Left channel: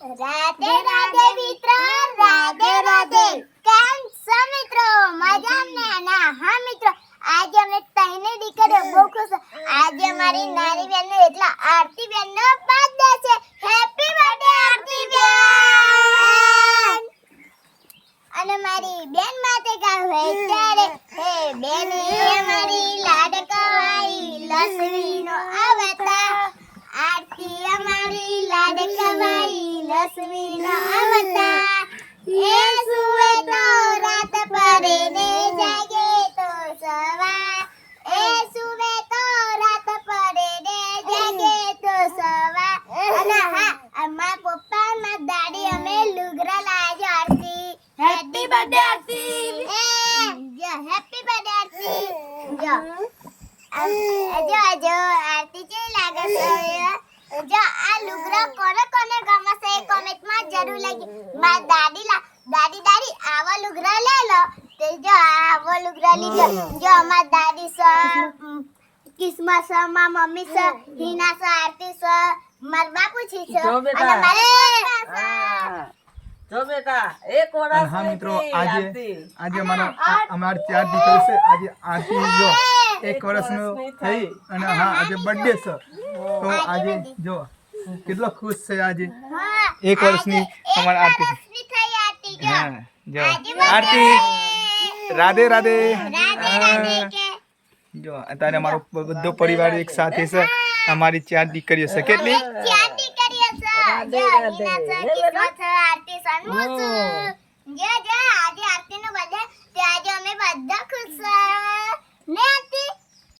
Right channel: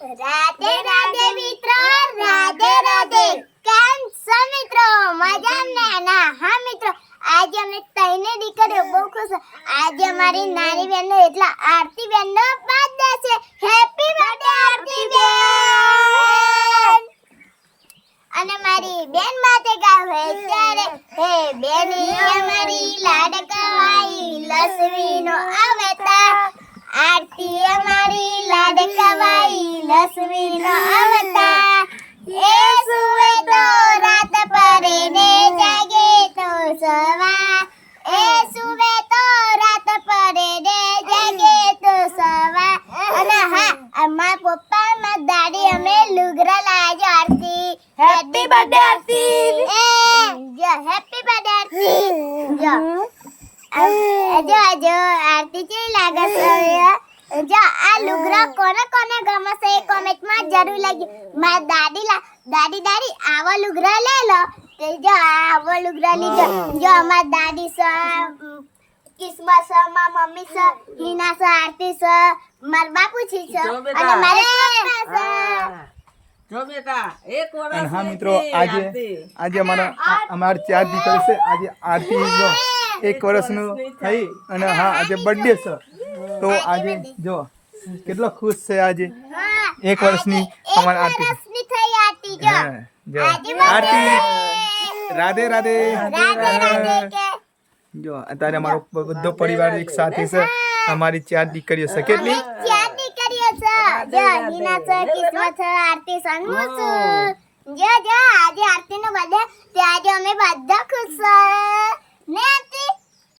રાધે રાધે મિત્રો, રાધે રાધે. કેમ છો મિત્રો? મજામાં ને? હા મિત્રો, આજે અમે તઈને દીકરીઓ બહુ ખુશ. આજે અમારી નાની બેનનો એટલે આરતી બેનનો બર્થડે છે. હેપી બર્થડે આરતી બેન. અને મારી બેન માટે ગાવ હે ત્યારે હે બેની અમારી લાડકવાઈ લક્ષ્મીનો અવતાર. આરતી અમારી લાડકવાઈ લક્ષ્મીનો અવતાર. એ સુવે તો રાત પડે ને જાગે તો સવાર. એ સુવે તો રાત પડે ને જાગે તો સવાર. અને હા, અમારા પપ્પા મારા દાદી અમે લુગડા લાવ્યા આરતી. હેપી બર્થડે આરતી. જો હેપી બર્થડે આરતી. જો આરતી કેવી લાગે છે? જો આ લુગડા કોને કોને ગમે છે એ કોમેન્ટમાં જરૂર લખી. મારા દાદી આવો લુગડા લે લો. તો જો આવો લુગડા લીધો. જો અમારા દાદી છે, કિસ્મત છે, મારા મમ્મી છે, હિના છે, આરતી છે, મારા બાપુજી છે અને મારા પપ્પા છે. જો બેટા એક વર્ષ હા મિત્રો, આજે અમાર 4 દીકરી છે. આજે આરતી જો 1 વર્ષનું થઈ અને હા આજે બર્થડે છે. તો આજે જો કેટલો ખુશ છે. આજે 1 વર્ષની અમારી આરતી હા જો આરતી રાધે રાધે. જો અત્યારે અમારો બધો પરિવાર એક સાથે છે. અમારી 4 દીકરીઓ છે. કેટલી? 4 દીકરીઓ છે. જો હિના છે, કિસ્મત છે, આરતી છે, હું છું. જો આજે આરતીનો બર્થડે તે આજે અમે બધા ખુશ છે ને.